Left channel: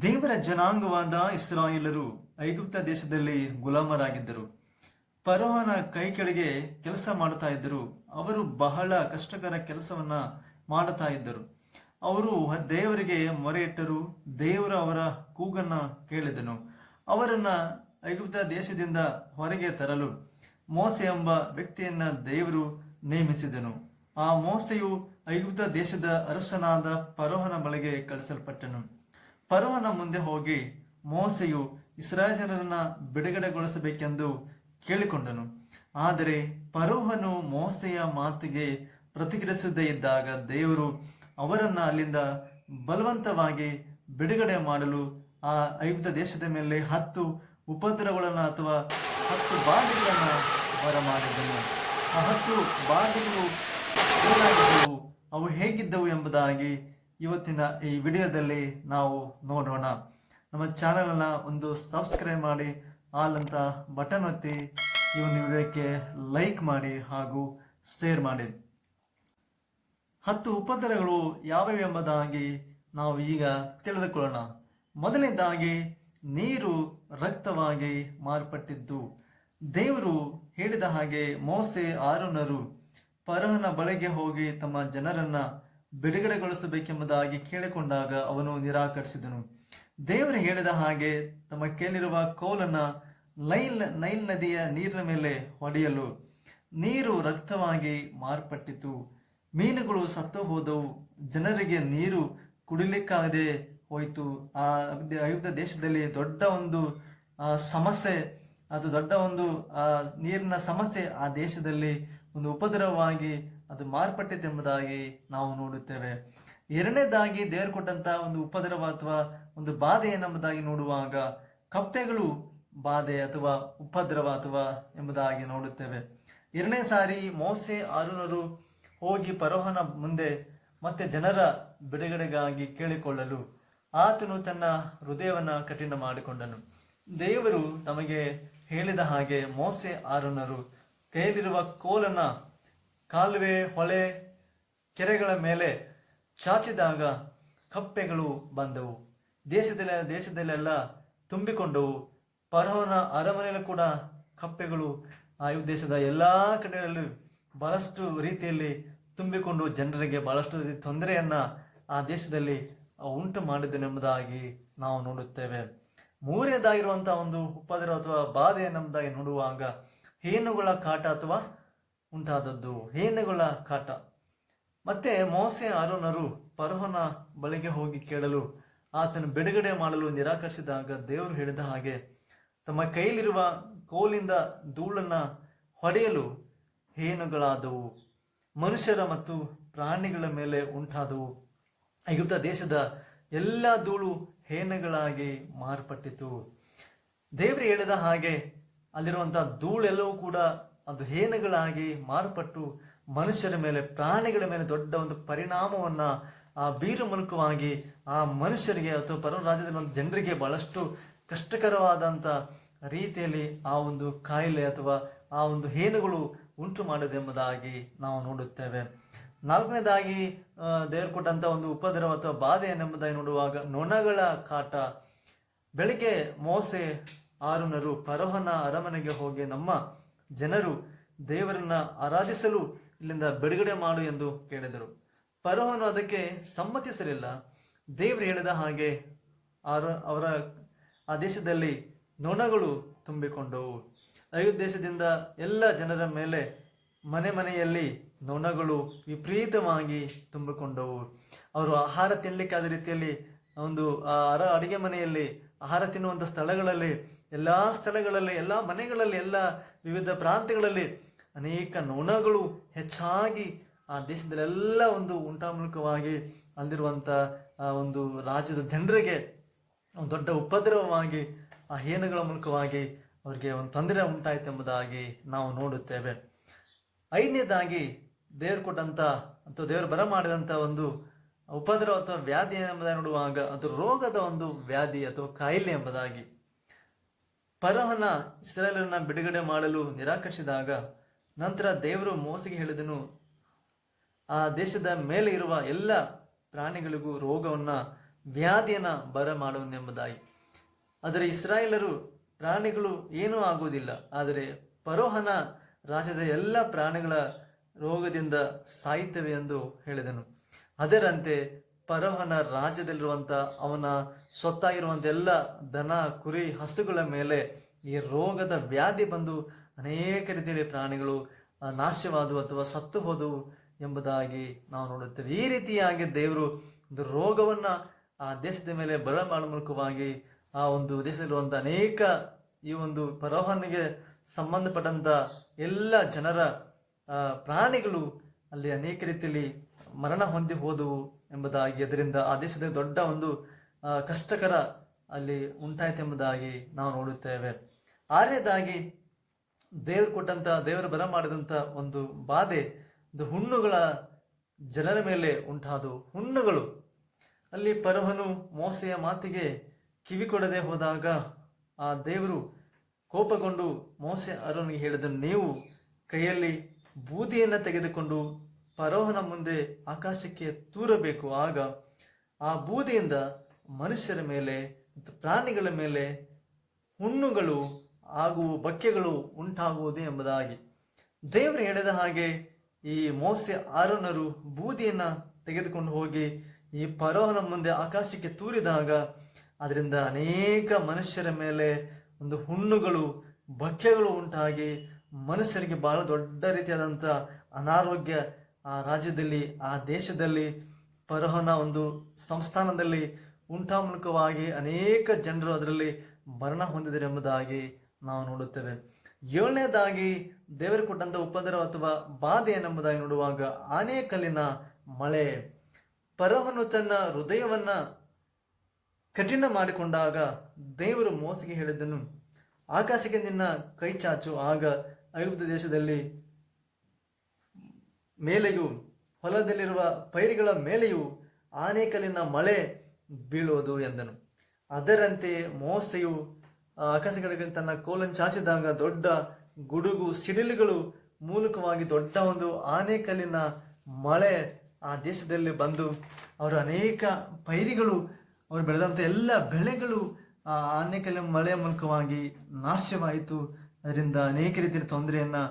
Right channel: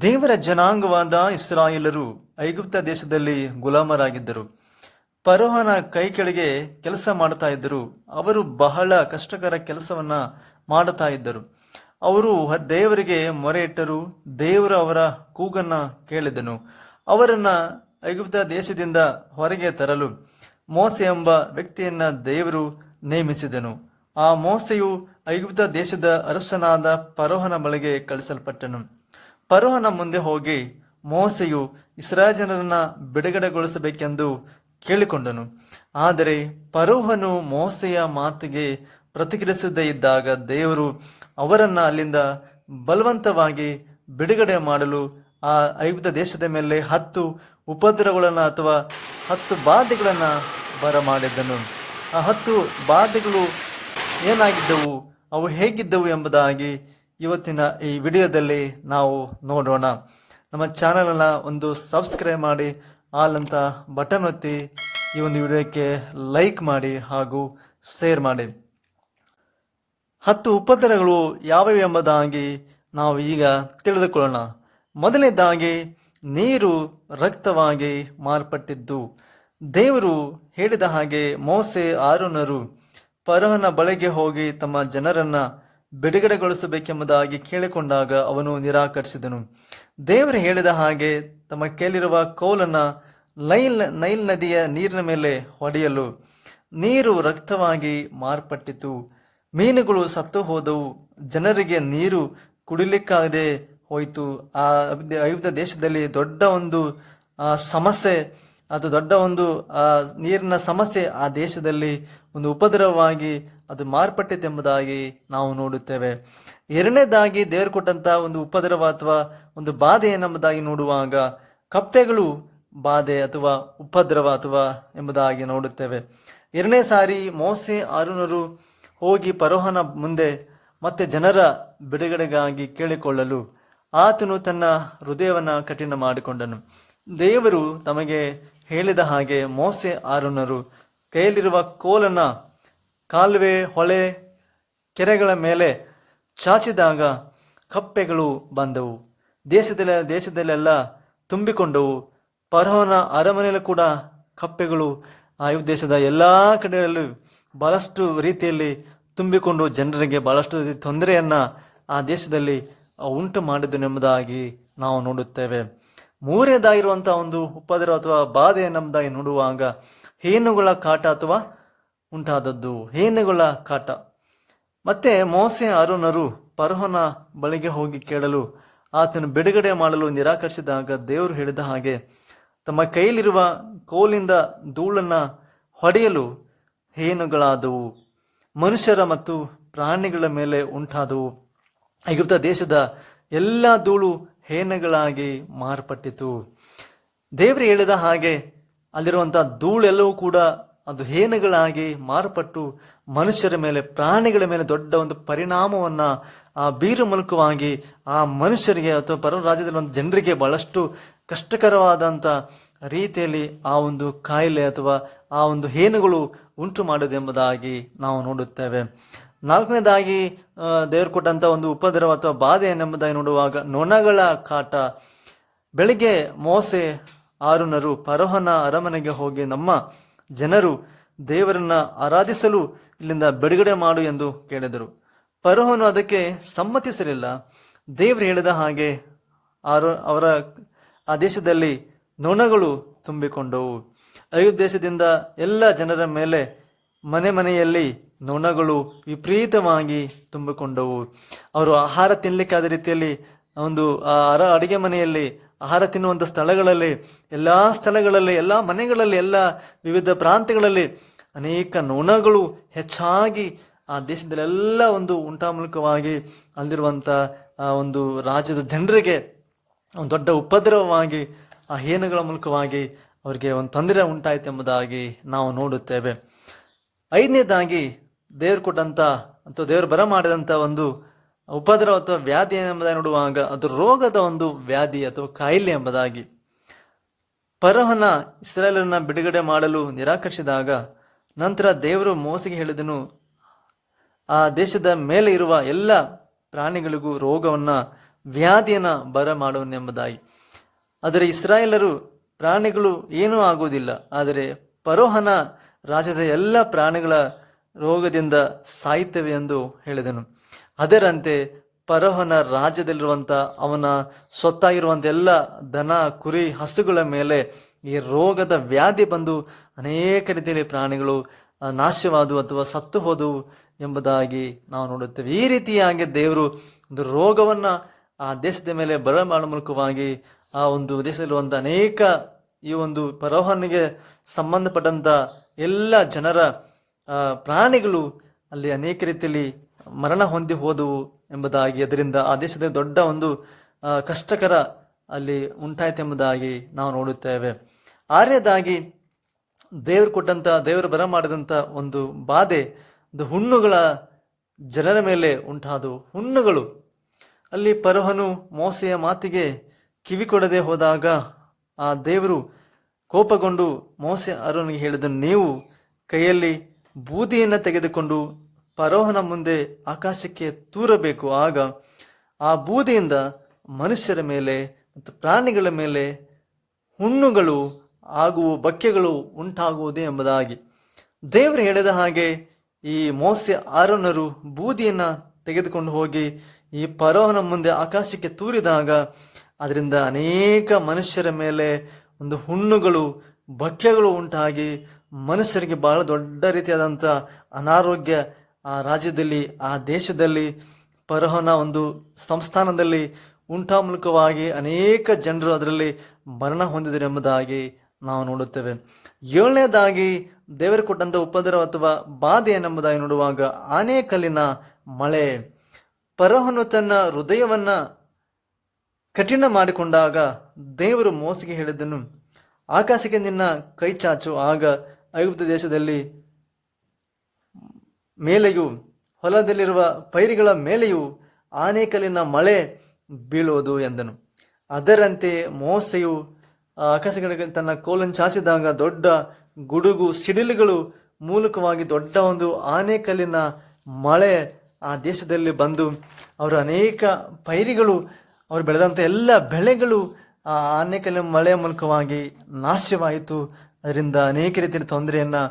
ದೇವರ ಜನಾಂಗವಾದ ಇಸ್ರಾಯೇಲರು ಐಗುಪ್ತ ದೇಶದಲ್ಲಿ ಗುಲಾಮರಾಗಿದ್ದರು. ಪರೋಹನ ಕೈ ಕೆಳಗೆ ಕೆಲಸ ಮಾಡ್ತಾ ಇದ್ದರು. ಅವರು ಬಹಳ ಕಷ್ಟಕರ ಕೆಲಸವನ್ನ ಮಾಡುತ್ತಾ ಇದ್ದರು. ಅವರು ದೇವರಿಗೆ ಮೊರೆ ಇಟ್ಟರು ದೇವರು ಅವರ ಕೂಗನ್ನ ಕೇಳಿದನು. ಅವರನ್ನ ಐಗುಪ್ತ ದೇಶದಿಂದ ಹೊರಗೆ ತರಲು ಮೋಸೆ ಎಂಬ ವ್ಯಕ್ತಿಯನ್ನ ದೇವರು ನೇಮಿಸಿದನು. ಆ ಮೋಸೆಯು ಐಗುಪ್ತ ದೇಶದ ಅರಸನಾದ ಪರೋಹನ ಬಳಿಗೆ ಕಳಿಸಲ್ಪಟ್ಟನು ಫರೋಹನ ಮುಂದೆ ಹೋಗಿ ಮೋಸೆಯು ಇಸ್ರಾಜನರನ್ನ ಜನರನ್ನ ಬಿಡುಗಡೆಗೊಳಿಸಬೇಕೆಂದು ಕೇಳಿಕೊಂಡನು. ಆದರೆ ಪರೋಹನು ಮೋಸೆಯ ಮಾತಿಗೆ ಪ್ರತಿಕ್ರಿಯಿಸದೇ ಇದ್ದಾಗ ದೇವರು ಅವರನ್ನು ಅಲ್ಲಿಂದ ಬಲವಂತವಾಗಿ ಬಿಡುಗಡೆ ಮಾಡಲು ಆ ಐಗುಪ್ತ ದೇಶದ ಮೇಲೆ ಹತ್ತು ಉಪದ್ರವಗಳನ್ನು ಅಥವಾ ಹತ್ತು ಬಾಧೆಗಳನ್ನು ಬರಮಾಡಿದ್ದನು. ಆ ಹತ್ತು ಬಾಧೆಗಳು ಏನಾಗಿದ್ದವು? ಅವು ಹೇಗಿದ್ದವು ಎಂಬುದಾಗಿ ಇವತ್ತಿನ ಈ ವಿಡಿಯೋದಲ್ಲಿ ನಾವು ನೋಡೋಣ. ನಮ್ಮ ಚಾನಲನ್ನು ಒಂದು ಸಬ್ಸ್ಕ್ರೈಬ್ ಮಾಡಿ, ಆಲ್ ಅಂತ ಬಟನ್ ಒತ್ತಿ, ಈ ಒಂದು ವಿಡಿಯೋಕ್ಕೆ ಲೈಕ್ ಮಾಡಿ ಹಾಗೂ ಶೇರ್ ಮಾಡಿ. ಹತ್ತು ಉಪದ್ರವಗಳು ಯಾವ್ಯಾವ ಎಂಬುದಾಗಿ ನಾವು ಈಗ ತಿಳಿದುಕೊಳ್ಳೋಣ. ಮೊದಲನೇದಾಗಿ, ನೀರು ರಕ್ತವಾಗಿ ಮಾರ್ಪಟ್ಟಿದ್ದು. ದೇವರು ಹೇಳಿದ ಹಾಗೆ ಮೋಸೆ ಆರುನರು ಪರಹನ ಬಳಿಗೆ ಹೋಗಿ ತಮ್ಮ ಜನರನ್ನ ಬಿಡುಗಡೆಗೊಳಿಸಬೇಕೆಂಬುದಾಗಿ ಕೇಳಿಕೊಂಡಾಗ ಅವನು ನಿರಾಕರಿಸಿದನು. ದೇವರು ಹೇಳಿದ ಹಾಗೆ ತಮ್ಮ ಕೇಳಿರುವ ಕೋಲನ್ನ ನೈಲ್ ನೈಲ್ ನದಿಯ ನೀರಿನ ಮೇಲೆ ಹೊಡೆಯಲು ನೀರು ರಕ್ತವಾಗಿ ಮಾರ್ಪಟ್ಟಿತು. ಮೀನುಗಳು ಸತ್ತು ಹೋದವು. ಜನರಿಗೆ ನೀರು ಕುಡಿಲಿಕ್ಕಾಗದೆ ಹೋಯಿತು. ಆ ಐಗುಪ್ತ ದೇಶದಲ್ಲಿ ದೊಡ್ಡ ಒಂದು ಸಮಸ್ಯೆ ಅದು ದೊಡ್ಡ ಒಂದು ನೀರಿನ ಸಮಸ್ಯೆ ಆ ದೇಶದಲ್ಲಿ ಒಂದು ಉಪದ್ರವವಾಗಿ ಅದು ಮಾರ್ಪಟ್ಟಿತೆಂಬುದಾಗಿ ನಾವು ನೋಡುತ್ತೇವೆ. ಎರಡನೇದಾಗಿ ದೇವರು ಕೊಟ್ಟಂತಹ ಒಂದು ಉಪದ್ರವ ಅಥವಾ ಒಂದು ಬಾಧೆ ಎಂಬುದಾಗಿ ನೋಡುವಾಗ ಕಪ್ಪೆಗಳು ಬಾಧೆ ಅಥವಾ ಉಪದ್ರವ ಅಥವಾ ಎಂಬುದಾಗಿ ನೋಡುತ್ತೇವೆ. ಎರಡನೇ ಸಾರಿ ಮೋಸೆ ಅರುಣರು ಹೋಗಿ ಪರೋಹನ ಮುಂದೆ ಮತ್ತೆ ಜನರ ಬಿಡುಗಡೆಗಾಗಿ ಕೇಳಿಕೊಳ್ಳಲು ಆತನು ತನ್ನ ಹೃದಯವನ್ನ ಕಠಿಣ ಮಾಡಿಕೊಂಡನು. ದೇವರು ತಮಗೆ ಹೇಳಿದ ಹಾಗೆ ಮೋಸೆ ಆರುನರು ಕೈಯಲ್ಲಿರುವ ಕೋಲನ ಕಾಲುವೆ, ಹೊಳೆ, ಕೆರೆಗಳ ಮೇಲೆ ಚಾಚಿದಾಗ ಕಪ್ಪೆಗಳು ಬಂದವು. ದೇಶದಲ್ಲ, ದೇಶದಲ್ಲೆಲ್ಲ ತುಂಬಿಕೊಂಡವು. ಫರೋಹನ ಅರಮನೆಯಲ್ಲೂ ಕೂಡ ಕಪ್ಪೆಗಳು ಆ ದೇಶದ ಎಲ್ಲ ಕಡೆಯಲ್ಲೂ ಬಹಳಷ್ಟು ರೀತಿಯಲ್ಲಿ ತುಂಬಿಕೊಂಡು ಜನರಿಗೆ ಬಹಳಷ್ಟು ತೊಂದರೆಯನ್ನ ಆ ದೇಶದಲ್ಲಿ ಉಂಟು ಮಾಡಿದನೆಂಬುದಾಗಿ ನಾವು ನೋಡುತ್ತೇವೆ. ಮೂರನೇದಾಗಿರುವಂತಹ ಒಂದು ಉಪದ್ರವ ಅಥವಾ ಬಾಧೆ ನಮ್ಮದಾಗಿ ನೋಡುವಾಗ ಹೇನುಗಳ ಕಾಟ ಅಥವಾ ಉಂಟಾದದ್ದು, ಹೇನುಗಳ ಕಾಟ. ಮತ್ತೆ ಮೋಸೆ ಅರುಣರು ಪರಹನ ಬಳಿಗೆ ಹೋಗಿ ಕೇಳಲು ಆತನು ಬಿಡುಗಡೆ ಮಾಡಲು ನಿರಾಕರಿಸಿದಾಗ ದೇವರು ಹೇಳಿದ ಹಾಗೆ, ತಮ್ಮ ಕೈಯಲ್ಲಿರುವ ಕೋಲಿಂದ ಧೂಳನ್ನು ಹೊಡೆಯಲು ಹೇನುಗಳಾದವು, ಮನುಷ್ಯರ ಮತ್ತು ಪ್ರಾಣಿಗಳ ಮೇಲೆ ಉಂಟಾದವು. ಐಗುಪ್ತ ದೇಶದ ಎಲ್ಲ ಧೂಳು ಹೇನುಗಳಾಗಿ ಮಾರ್ಪಟ್ಟಿತು. ದೇವರು ಹೇಳಿದ ಹಾಗೆ ಅಲ್ಲಿರುವಂಥ ಧೂಳೆಲ್ಲವೂ ಕೂಡ ಅದು ಹೇನಗಳಾಗಿ ಮಾರ್ಪಟ್ಟು ಮನುಷ್ಯರ ಮೇಲೆ, ಪ್ರಾಣಿಗಳ ಮೇಲೆ ದೊಡ್ಡ ಒಂದು ಪರಿಣಾಮವನ್ನ, ಆ ಬೀರು ಮೂಲಕವಾಗಿ ಆ ಮನುಷ್ಯರಿಗೆ ಅಥವಾ ಪರ ರಾಜ್ಯದಲ್ಲಿ ಒಂದು ಜನರಿಗೆ ಬಹಳಷ್ಟು ಕಷ್ಟಕರವಾದಂಥ ರೀತಿಯಲ್ಲಿ ಆ ಒಂದು ಕಾಯಿಲೆ ಅಥವಾ ಆ ಒಂದು ಹೇನುಗಳು ಉಂಟು ಮಾಡುವುದೆಂಬುದಾಗಿ ನಾವು ನೋಡುತ್ತೇವೆ. ನಾಲ್ಕನೇದಾಗಿ ದೇವರು ಕೊಟ್ಟಂಥ ಒಂದು ಉಪದ್ರವ ಅಥವಾ ಬಾಧೆ ಎಂಬುದಾಗಿ ನೋಡುವಾಗ ನೊಣಗಳ ಕಾಟ. ಬೆಳಿಗ್ಗೆ ಮೋಸೆ ಆರುನರು ಪರೋಹನ ಅರಮನೆಗೆ ಹೋಗಿ ನಮ್ಮ ಜನರು ದೇವರನ್ನ ಆರಾಧಿಸಲು ಇಲ್ಲಿಂದ ಬಿಡುಗಡೆ ಮಾಡು ಎಂದು ಕೇಳಿದರು. ಪರೋಹನು ಅದಕ್ಕೆ ಸಮ್ಮತಿಸಲಿಲ್ಲ. ದೇವರು ಹೇಳಿದ ಹಾಗೆ ಆರು, ಅವರ ಆ ದೇಶದಲ್ಲಿ ನೊಣಗಳು ತುಂಬಿಕೊಂಡವು. ದೇಶದಿಂದ ಎಲ್ಲ ಜನರ ಮೇಲೆ ಮನೆ ಮನೆಯಲ್ಲಿ ನೊಣಗಳು ವಿಪರೀತವಾಗಿ ತುಂಬಿಕೊಂಡವು. ಅವರು ಆಹಾರ ತಿನ್ನಲಿಕ್ಕಾದ ರೀತಿಯಲ್ಲಿ ಒಂದು ಅರ ಅಡಿಗೆ ಮನೆಯಲ್ಲಿ ಆಹಾರ ತಿನ್ನುವಂಥ ಸ್ಥಳಗಳಲ್ಲಿ, ಎಲ್ಲ ಸ್ಥಳಗಳಲ್ಲಿ, ಎಲ್ಲ ಮನೆಗಳಲ್ಲಿ, ಎಲ್ಲ ವಿವಿಧ ಪ್ರಾಂತ್ಯಗಳಲ್ಲಿ ಅನೇಕ ನೊಣಗಳು ಹೆಚ್ಚಾಗಿ ಆ ದೇಶದಲ್ಲೆಲ್ಲ ಒಂದು ಉಂಟಾಮೂಲಕವಾಗಿ ಅಲ್ಲಿರುವಂಥ, ಆ, ಒಂದು ರಾಜ್ಯದ ಜನರಿಗೆ ಒಂದು ದೊಡ್ಡ ಉಪದ್ರವವಾಗಿ, ಆ ಹೇನುಗಳ ಮೂಲಕವಾಗಿ ಅವರಿಗೆ ಒಂದು ತೊಂದರೆ ಉಂಟಾಯಿತು ಎಂಬುದಾಗಿ ನಾವು ನೋಡುತ್ತೇವೆ. ಐದನೇದಾಗಿ ದೇವರು ಕೊಟ್ಟಂತ ಅಥವಾ ದೇವ್ರು ಬರ ಮಾಡಿದಂಥ ಒಂದು ಉಪದ್ರವ ಅಥವಾ ವ್ಯಾಧಿ ಎಂಬುದಾಗಿ ನೋಡುವಾಗ ಅದು ರೋಗದ ಒಂದು ವ್ಯಾಧಿ ಅಥವಾ ಕಾಯಿಲೆ ಎಂಬುದಾಗಿ. ಪರಹನ ಇಸ್ರಾಯೇಲರನ್ನ ಬಿಡುಗಡೆ ಮಾಡಲು ನಿರಾಕರಿಸಿದಾಗ ನಂತರ ದೇವರು ಮೋಸಿಗೆ ಹೇಳಿದನು, ಆ ದೇಶದ ಮೇಲೆ ಇರುವ ಎಲ್ಲ ಪ್ರಾಣಿಗಳಿಗೂ ರೋಗವನ್ನ ವ್ಯಾಧಿಯನ್ನು ಬರ ಮಾಡುವನೆಂಬುದಾಗಿ ಆದರೆ ಇಸ್ರಾಯೇಲರು ಪ್ರಾಣಿಗಳು ಏನೂ ಆಗುವುದಿಲ್ಲ, ಆದರೆ ಪರೋಹನ ರಾಜ್ಯದ ಎಲ್ಲ ಪ್ರಾಣಿಗಳ ರೋಗದಿಂದ ಸಾಯ್ತವೆ ಎಂದು ಹೇಳಿದನು. ಅದರಂತೆ ಪರೋಹನ ರಾಜ್ಯದಲ್ಲಿರುವಂಥ ಅವನ ಸ್ವತ್ತಾಗಿರುವಂಥ ಎಲ್ಲ ದನ, ಕುರಿ, ಹಸುಗಳ ಮೇಲೆ ಈ ರೋಗದ ವ್ಯಾಧಿ ಬಂದು ಅನೇಕ ರೀತಿಯಲ್ಲಿ ಪ್ರಾಣಿಗಳು ನಾಶವಾದವು ಅಥವಾ ಸತ್ತು ಹೋದವು ಎಂಬುದಾಗಿ ನಾವು ನೋಡುತ್ತೇವೆ. ಈ ರೀತಿಯಾಗಿ ದೇವರು ಒಂದು ರೋಗವನ್ನು ಆ ದೇಶದ ಮೇಲೆ ಬರ ಮೂಲಕವಾಗಿ ಆ ಒಂದು ದೇಶದಲ್ಲಿರುವಂಥ ಅನೇಕ ಈ ಒಂದು ಪರೋಹನಿಗೆ ಸಂಬಂಧಪಟ್ಟಂಥ ಎಲ್ಲ ಜನರ ಪ್ರಾಣಿಗಳು ಅಲ್ಲಿ ಅನೇಕ ರೀತಿಯಲ್ಲಿ ಮರಣ ಹೊಂದಿ ಹೋದವು ಎಂಬುದಾಗಿ, ಅದರಿಂದ ಆ ದೇಶದ ದೊಡ್ಡ ಒಂದು ಕಷ್ಟಕರ ಅಲ್ಲಿ ಉಂಟಾಯಿತೆಂಬುದಾಗಿ ನಾವು ನೋಡುತ್ತೇವೆ. ಆರ್ಯದಾಗಿ ದೇವರು ಕೊಟ್ಟಂತ, ದೇವರು ಬರ ಮಾಡಿದಂಥ ಒಂದು ಬಾಧೆ ಒಂದು ಹುಣ್ಣುಗಳ ಜನರ ಮೇಲೆ ಉಂಟಾದವು. ಹುಣ್ಣುಗಳು, ಅಲ್ಲಿ ಪರೋಹನು ಮೋಸೆಯ ಮಾತಿಗೆ ಕಿವಿ ಕೊಡದೆ ಹೋದಾಗ ಆ ದೇವರು ಕೋಪಗೊಂಡು ಮೋಸೆ ಅರನಿಗೆ ಹೇಳಿದನು, ನೀವು ಕೈಯಲ್ಲಿ ಬೂದಿಯನ್ನು ತೆಗೆದುಕೊಂಡು ಪರೋಹನ ಮುಂದೆ ಆಕಾಶಕ್ಕೆ ತೂರಬೇಕು. ಆಗ ಆ ಬೂದಿಯಿಂದ ಮನುಷ್ಯರ ಮೇಲೆ ಮತ್ತು ಪ್ರಾಣಿಗಳ ಮೇಲೆ ಹುಣ್ಣುಗಳು ಆಗುವ ಬಕ್ಕೆಗಳು ಉಂಟಾಗುವುದೇ ಎಂಬುದಾಗಿ. ದೇವರು ಹೇಳಿದ ಹಾಗೆ ಈ ಮೋಸೆ ಆರೋನರು ಬೂದಿಯನ್ನು ತೆಗೆದುಕೊಂಡು ಹೋಗಿ ಈ ಪರೋಹನ ಮುಂದೆ ಆಕಾಶಕ್ಕೆ ತೂರಿದಾಗ ಅದರಿಂದ ಅನೇಕ ಮನುಷ್ಯರ ಮೇಲೆ ಒಂದು ಹುಣ್ಣುಗಳು, ಬಕ್ಕೆಗಳು ಉಂಟಾಗಿ ಮನುಷ್ಯರಿಗೆ ಬಹಳ ದೊಡ್ಡ ರೀತಿಯಾದಂಥ ಅನಾರೋಗ್ಯ, ಆ ರಾಜ್ಯದಲ್ಲಿ, ಆ ದೇಶದಲ್ಲಿ ಪರಹನ ಒಂದು ಸಂಸ್ಥಾನದಲ್ಲಿ ಉಂಟಾ ಮೂಲಕವಾಗಿ ಅನೇಕ ಜನರು ಅದರಲ್ಲಿ ಮರಣ ಹೊಂದಿದರು ಎಂಬುದಾಗಿ ನಾವು ನೋಡುತ್ತೇವೆ. ಏಳನೇದಾಗಿ ದೇವರು ಕೊಟ್ಟಂಥ ಉಪದ್ರ ಅಥವಾ ಬಾಧೆ ಏನೆಂಬುದಾಗಿ ನೋಡುವಾಗ ಆನೆಕಲ್ಲಿನ ಮಳೆ. ಪರಹನು ತನ್ನ ಹೃದಯವನ್ನ ಕಠಿಣ ಮಾಡಿಕೊಂಡಾಗ ದೇವರು ಮೋಸಿಗೆ ಹೇಳಿದ್ದನು ಆಕಾಶಕ್ಕೆ ನಿನ್ನ ಕೈ ಚಾಚು, ಆಗ ಐಗುಪ್ತ ದೇಶದಲ್ಲಿ ಮೇಲೆಯೂ, ಹೊಲದಲ್ಲಿರುವ ಪೈರಿಗಳ ಮೇಲೆಯೂ ಆನೆಕಲ್ಲಿನ ಮಳೆ ಬೀಳುವುದು ಎಂದನು. ಅದರಂತೆ ಮೋಸೆಯು ಆಕಾಶಗಳಿಗೆ ತನ್ನ ಕೋಲನ್ನು ಚಾಚಿದಾಗ ದೊಡ್ಡ ಗುಡುಗು ಸಿಡಿಲುಗಳು ಮೂಲಕವಾಗಿ ದೊಡ್ಡ ಒಂದು ಆನೇಕಲ್ಲಿನ ಮಳೆ ಆ ದೇಶದಲ್ಲಿ ಬಂದು ಅವರ ಅನೇಕ ಪೈರಿಗಳು, ಅವರು ಬೆಳೆದಂಥ ಎಲ್ಲ ಬೆಳೆಗಳು ಆ ಆನೇಕಲ್ಲಿನ ಮಳೆಯ ಮೂಲಕವಾಗಿ ನಾಶವಾಯಿತು. ಅದರಿಂದ ಅನೇಕ ರೀತಿಯ ತೊಂದರೆಯನ್ನು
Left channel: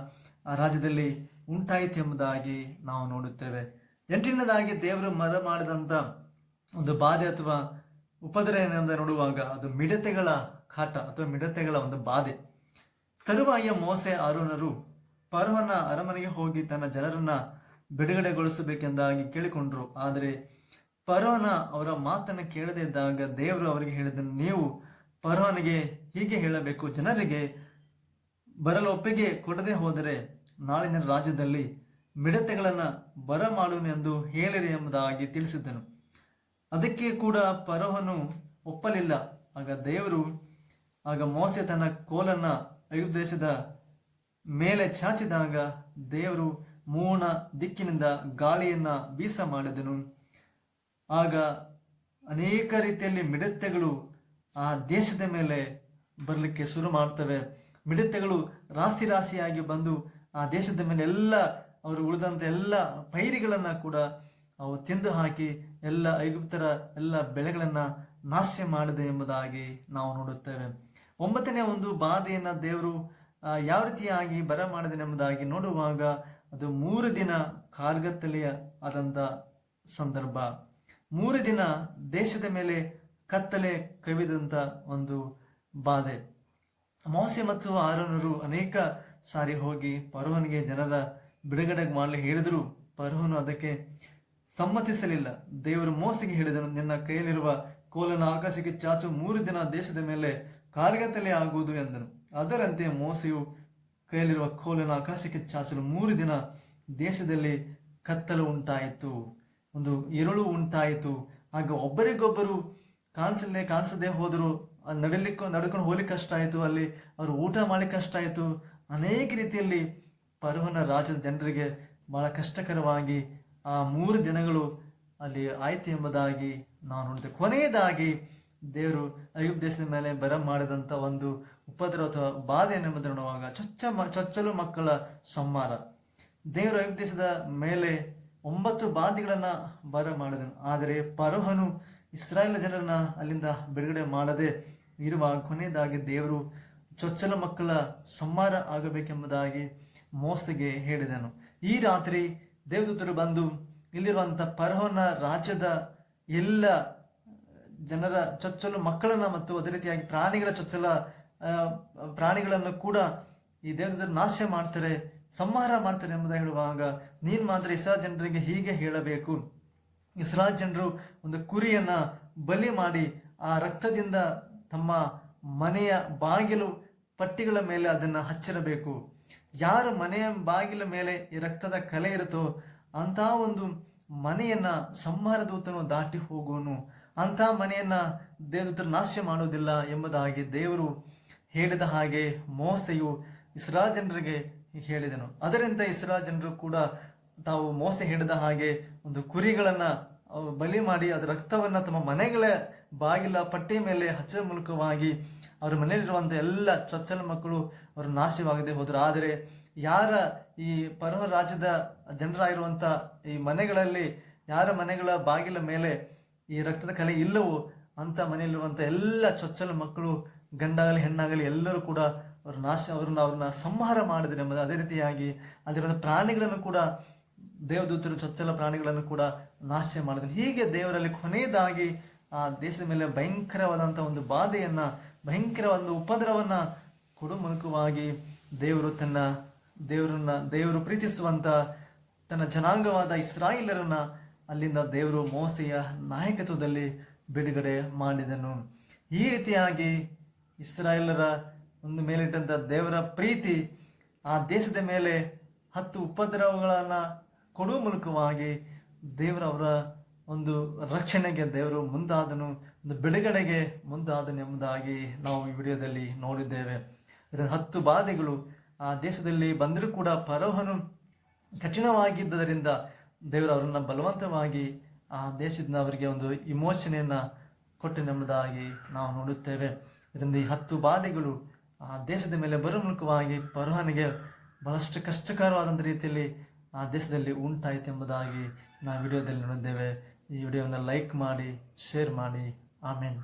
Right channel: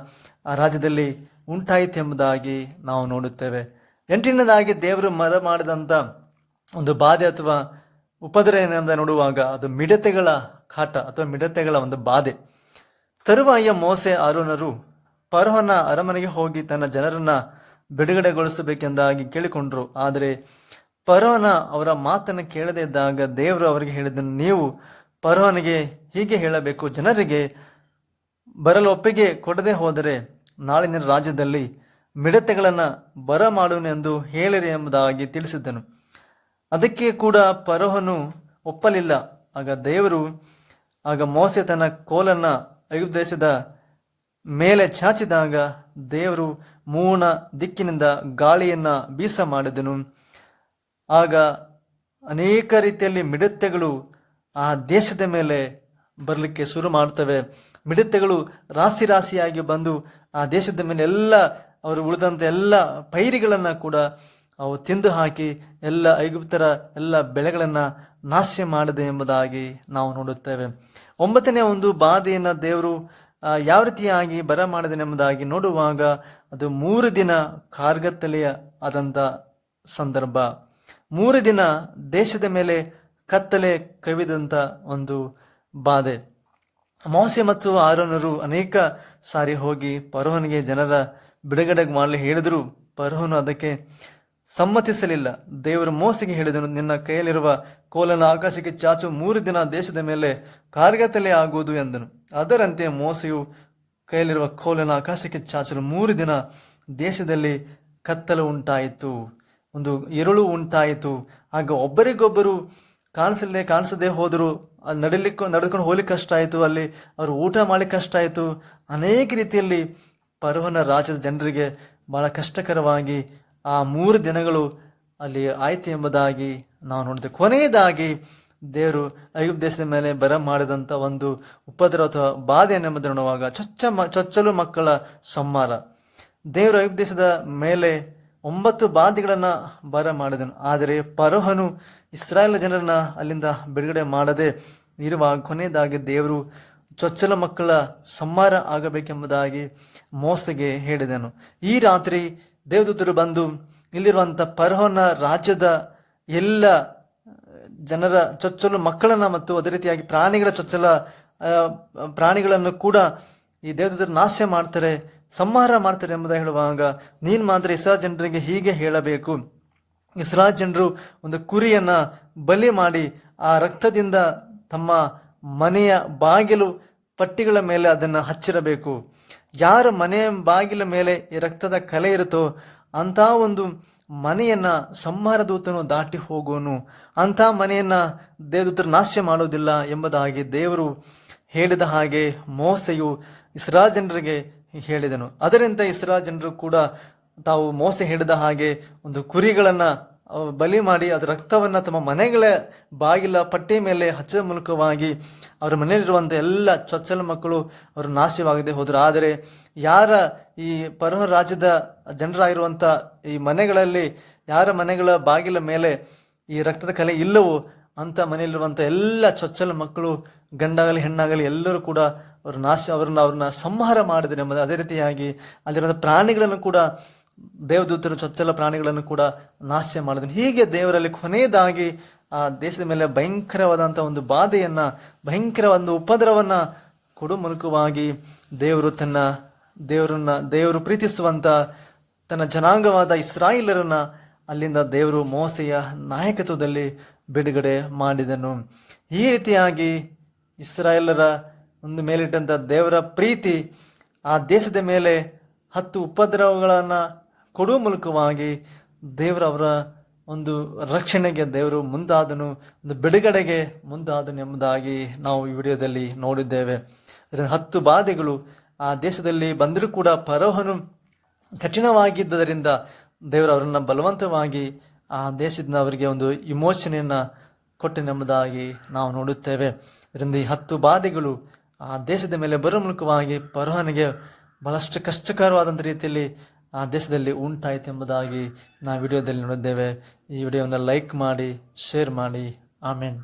ಆ ರಾಜ್ಯದಲ್ಲಿ ಉಂಟಾಯಿತು ಎಂಬುದಾಗಿ ನಾವು ನೋಡುತ್ತೇವೆ. ಎಂಟಿನದಾಗಿ ದೇವರು ಮರ ಮಾಡಿದಂಥ ಒಂದು ಬಾಧೆ ಅಥವಾ ಉಪದ್ರ ಏನೆಂದ ನೋಡುವಾಗ ಅದು ಮಿಡತೆಗಳ ಕಾಟ ಅಥವಾ ಮಿಡತೆಗಳ ಒಂದು ಬಾಧೆ. ತರುವಾಯ ಮೋಸೆ ಅರುಣರು ಪರ್ವನ ಅರಮನೆಗೆ ಹೋಗಿ ತನ್ನ ಜನರನ್ನ ಬಿಡುಗಡೆಗೊಳಿಸಬೇಕೆಂದಾಗಿ ಕೇಳಿಕೊಂಡ್ರು. ಆದರೆ ಪರ್ವನ ಅವರ ಮಾತನ್ನು ಕೇಳದೇ ಇದ್ದಾಗ ದೇವರು ಅವರಿಗೆ ಹೇಳಿದ ನೀವು ಪರ್ವನಿಗೆ ಹೀಗೆ ಹೇಳಬೇಕು, ಜನರಿಗೆ ಬರಲು ಒಪ್ಪಿಗೆ ಕೊಡದೆ ಹೋದರೆ ನಾಳಿನ ರಾಜ್ಯದಲ್ಲಿ ಮಿಡತೆಗಳನ್ನು ಬರ ಮಾಡುವನೆಂದು ಹೇಳಿರಿ ಎಂಬುದಾಗಿ ತಿಳಿಸಿದ್ದನು. ಅದಕ್ಕೆ ಕೂಡ ಪರೋಹನು ಒಪ್ಪಲಿಲ್ಲ. ಆಗ ದೇವರು, ಆಗ ಮೋಸೆ ತನ್ನ ಕೋಲನ್ನ ಐಗುಪ್ತ ಮೇಲೆ ಚಾಚಿದಾಗ ದೇವರು ಮೂಣ ದಿಕ್ಕಿನಿಂದ ಗಾಳಿಯನ್ನ ಬೀಸ ಮಾಡಿದನು. ಆಗ ಅನೇಕ ರೀತಿಯಲ್ಲಿ ಮಿಡತೆಗಳು ಆ ದೇಶದ ಮೇಲೆ ಬರಲಿಕ್ಕೆ ಶುರು ಮಾಡ್ತವೆ. ಮಿಡತೆಗಳು ರಾಸಿ ರಾಸಿಯಾಗಿ ಬಂದು ಆ ದೇಶದ ಮೇಲೆ ಎಲ್ಲ ಅವರು ಉಳಿದಂಥ ಎಲ್ಲ ಪೈರಿಗಳನ್ನು ಕೂಡ ಅವು ತಿಂದು ಹಾಕಿ ಎಲ್ಲ ಐಗುಪ್ತರ ಎಲ್ಲ ಬೆಳೆಗಳನ್ನು ನಾಶ ಮಾಡಿದೆ ಎಂಬುದಾಗಿ ನಾವು ನೋಡುತ್ತೇವೆ. ಒಂಬತ್ತನೇ ಒಂದು ಬಾಧೆಯನ್ನು ದೇವರು ಯಾವ ರೀತಿಯಾಗಿ ಬರ ಮಾಡಿದನೆಂಬುದಾಗಿ ನೋಡುವಾಗ ಅದು ಮೂರು ದಿನ ಕಾರ್ಗತ್ತಲೆಯ ಆದಂಥ ಸಂದರ್ಭ. ಮೂರು ದಿನ ದೇಶದ ಮೇಲೆ ಕತ್ತಲೆ ಕವಿದಂಥ ಒಂದು ಬಾಧೆ. ಮೋಸೆ ಮತ್ತು ಆರೋನರು ಅನೇಕ ಸಾರಿ ಹೋಗಿ ಪರೋಹನಿಗೆ ಜನರ ಬಿಡುಗಡೆ ಮಾಡಲು ಹೇಳಿದರು ಪರೋಹನು ಅದಕ್ಕೆ ಸಮ್ಮತಿಸಲಿಲ್ಲ. ದೇವರು ಮೋಸೆಗೆ ಹೇಳಿದನು, ನಿನ್ನ ಕೈಯಲ್ಲಿರುವ ಕೋಲನ ಆಕಾಶಕ್ಕೆ ಚಾಚು, ಮೂರು ದಿನ ದೇಶದ ಮೇಲೆ ಕಾರ್ಗತಲೆ ಆಗುವುದು ಎಂದನು. ಅದರಂತೆ ಮೋಸೆಯು ಕೈಯಲ್ಲಿರುವ ಕೋಲನ ಆಕಾಶಕ್ಕೆ ಚಾಚಲು, ಮೂರು ದಿನ ದೇಶದಲ್ಲಿ ಕತ್ತಲು ಉಂಟಾಯಿತು. ಒಂದು ಎರುಳು ಉಂಟಾಯಿತು. ಆಗ ಒಬ್ಬರಿಗೊಬ್ಬರು ಕಾಣಿಸದೆ ಕಾಣಿಸದೆ ಹೋದರು. ನಡಿಲಿಕ್ಕೂ, ನಡ್ಕೊಂಡು ಹೋಗ್ಲಿಕ್ಕೆ ಕಷ್ಟ ಆಯಿತು ಅಲ್ಲಿ ಅವರು ಊಟ ಮಾಡ್ಲಿಕ್ಕೆ ಕಷ್ಟ ಆಯಿತು ಅನೇಕ ರೀತಿಯಲ್ಲಿ ಪರ್ವನ ರಾಜ್ಯದ ಜನರಿಗೆ ಬಹಳ ಕಷ್ಟಕರವಾಗಿ ಆ ಮೂರು ದಿನಗಳು ಅಲ್ಲಿ ಆಯಿತು ಎಂಬುದಾಗಿ ನಾವು ನೋಡಿದೆ. ಕೊನೆಯದಾಗಿ ದೇವರು ಐಗುಪ್ತ ದೇಶದ ಮೇಲೆ ಬರ ಮಾಡಿದಂಥ ಒಂದು ಉಪದ್ರ ಅಥವಾ ಬಾಧೆ ಎಂಬುದನ್ನು ನೋಡುವಾಗ ಚೊಚ್ಚ ಮ, ಚೊಚ್ಚಲು ಮಕ್ಕಳ ಸಂಹಾರ. ದೇವರು ಐಗುಪ್ತ ದೇಶದ ಮೇಲೆ ಒಂಬತ್ತು ಬಾಧೆಗಳನ್ನು ಬರ ಮಾಡಿದನು. ಆದರೆ ಪರೋಹನು ಇಸ್ರಾಯೇಲ್ ಜನರನ್ನ ಅಲ್ಲಿಂದ ಬಿಡುಗಡೆ ಮಾಡದೆ ಇರುವ ಕೊನೆಯದಾಗಿ ದೇವರು ಚೊಚ್ಚಲ ಮಕ್ಕಳ ಸಂಹಾರ ಆಗಬೇಕೆಂಬುದಾಗಿ ಮೋಸಗೆ ಹೇಳಿದನು. ಈ ರಾತ್ರಿ ದೇವದೂತರು ಬಂದು ಇಲ್ಲಿರುವಂಥ ಪರ್ಹೋನ ರಾಜ್ಯದ ಎಲ್ಲ ಜನರ ಚೊಚ್ಚಲು ಮಕ್ಕಳನ್ನು ಮತ್ತು ಅದೇ ರೀತಿಯಾಗಿ ಪ್ರಾಣಿಗಳ ಚೊಚ್ಚಲ ಪ್ರಾಣಿಗಳನ್ನು ಕೂಡ ಈ ದೇವದೂತರು ನಾಶ ಮಾಡ್ತಾರೆ, ಸಂಹಾರ ಮಾಡ್ತಾರೆ ಎಂಬುದಾಗಿ ಹೇಳುವಾಗ, ನೀನು ಮಾತ್ರ ಇಸ್ರಾ ಜನರಿಗೆ ಹೀಗೆ ಹೇಳಬೇಕು. ಇಸ್ರಾ ಜನರು ಒಂದು ಕುರಿಯನ್ನ ಬಲಿ ಮಾಡಿ ಆ ರಕ್ತದಿಂದ ತಮ್ಮ ಮನೆಯ ಬಾಗಿಲು ಪಟ್ಟಿಗಳ ಮೇಲೆ ಅದನ್ನು ಹಚ್ಚಿರಬೇಕು. ಯಾರ ಮನೆಯ ಬಾಗಿಲ ಮೇಲೆ ಈ ರಕ್ತದ ಕಲೆ ಇರುತ್ತೋ ಅಂಥ ಒಂದು ಮನೆಯನ್ನ ಸಂಹಾರದೂತನು ದಾಟಿ ಹೋಗುವನು ಅಂಥ ಮನೆಯನ್ನ ದೇವದೂತರು ನಾಶ ಮಾಡೋದಿಲ್ಲ ಎಂಬುದಾಗಿ ದೇವರು ಹೇಳಿದ ಹಾಗೆ ಮೋಸೆಯು ಇಸ್ರಾ ಜನರಿಗೆ ಹೇಳಿದನು. ಅದರಿಂದ ಇಸ್ರಾ ಜನರು ಕೂಡ ತಾವು ಮೋಸ ಹಿಡಿದ ಹಾಗೆ ಒಂದು ಕುರಿಗಳನ್ನು ಬಲಿ ಮಾಡಿ ಅದರ ರಕ್ತವನ್ನ ತಮ್ಮ ಮನೆಗಳ ಬಾಗಿಲ ಪಟ್ಟಿ ಮೇಲೆ ಹಚ್ಚದ ಮೂಲಕವಾಗಿ ಅವರ ಮನೆಯಲ್ಲಿರುವಂಥ ಎಲ್ಲ ಚೊಚ್ಚಲ ಮಕ್ಕಳು ಅವರು ನಾಶವಾಗದೆ ಹೋದರು. ಆದರೆ ಯಾರ ಈ ಪರಹ ರಾಜ್ಯದ ಜನರಾಗಿರುವಂಥ ಈ ಮನೆಗಳಲ್ಲಿ ಯಾರ ಮನೆಗಳ ಬಾಗಿಲ ಮೇಲೆ ಈ ರಕ್ತದ ಕಲೆ ಇಲ್ಲವೋ ಅಂತ ಮನೆಯಲ್ಲಿರುವಂಥ ಎಲ್ಲ ಚೊಚ್ಚಲ ಮಕ್ಕಳು, ಗಂಡಾಗಲಿ ಹೆಣ್ಣಾಗಲಿ ಎಲ್ಲರೂ ಕೂಡ ಅವರು ನಾಶ, ಅವ್ರನ್ನ ಅವ್ರನ್ನ ಸಂಹಾರ ಮಾಡಿದರೆ. ಅದೇ ರೀತಿಯಾಗಿ ಅಲ್ಲಿರುವಂಥ ಪ್ರಾಣಿಗಳನ್ನು ಕೂಡ ದೇವದೂತರು ಚೊಚ್ಚಲ ಪ್ರಾಣಿಗಳನ್ನು ಕೂಡ ನಾಶ ಮಾಡಿದನು. ಹೀಗೆ ದೇವರಲ್ಲಿ ಕೊನೆಯದಾಗಿ ಆ ದೇಶದ ಮೇಲೆ ಭಯಂಕರವಾದಂಥ ಒಂದು ಬಾಧೆಯನ್ನ ಭಯಂಕರ ಒಂದು ಉಪದ್ರವನ್ನ ಕೊಡು ಮೂಲಕವಾಗಿ ದೇವರು ತನ್ನ ದೇವರನ್ನ, ದೇವರು ಪ್ರೀತಿಸುವಂತ ತನ್ನ ಜನಾಂಗವಾದ ಇಸ್ರಾಯಿಲರನ್ನ ಅಲ್ಲಿಂದ ದೇವರು ಮೋಸೆಯ ನಾಯಕತ್ವದಲ್ಲಿ ಬಿಡುಗಡೆ ಮಾಡಿದನು. ಈ ರೀತಿಯಾಗಿ ಇಸ್ರಾಯೇಲರ ಒಂದು ಮೇಲಿಟ್ಟಂಥ ದೇವರ ಪ್ರೀತಿ ಆ ದೇಶದ ಮೇಲೆ ಹತ್ತು ಉಪದ್ರವಗಳನ್ನು ಕೊಡುವ ಮೂಲಕವಾಗಿ ದೇವರ ಅವರ ಒಂದು ರಕ್ಷಣೆಗೆ ದೇವರು ಮುಂದಾದನು, ಒಂದು ಬಿಡುಗಡೆಗೆ ಮುಂದಾದನು ಎಂಬುದಾಗಿ ನಾವು ಈ ವಿಡಿಯೋದಲ್ಲಿ ನೋಡಿದ್ದೇವೆ. ಹತ್ತು ಬಾಧೆಗಳು ಆ ದೇಶದಲ್ಲಿ ಬಂದರೂ ಕೂಡ ಪರೋಹನು ಕಠಿಣವಾಗಿದ್ದರಿಂದ ದೇವರು ಅವರನ್ನು ಬಲವಂತವಾಗಿ ಆ ದೇಶದಿಂದ ಅವರಿಗೆ ಒಂದು ಇಮೋಷನೆಯನ್ನು ಕೊಟ್ಟನೆಂಬುದಾಗಿ ನಾವು ನೋಡುತ್ತೇವೆ. ಅದರಿಂದ ಈ ಹತ್ತು ಬಾಧೆಗಳು ಆ ದೇಶದ ಮೇಲೆ ಬರೋ ಮೂಲಕವಾಗಿ ಪರೋಹನಿಗೆ ಬಹಳಷ್ಟು ಕಷ್ಟಕರವಾದಂಥ ರೀತಿಯಲ್ಲಿ ದೇಶದಲ್ಲಿ ಉಂಟಾಯಿತು ಎಂಬುದಾಗಿ ನಾವು ವಿಡಿಯೋದಲ್ಲಿ ನೋಡಿದ್ದೇವೆ. ಈ ವಿಡಿಯೋವನ್ನು ಲೈಕ್ ಮಾಡಿ ಶೇರ್ ಮಾಡಿ. ಆಮೇನ್.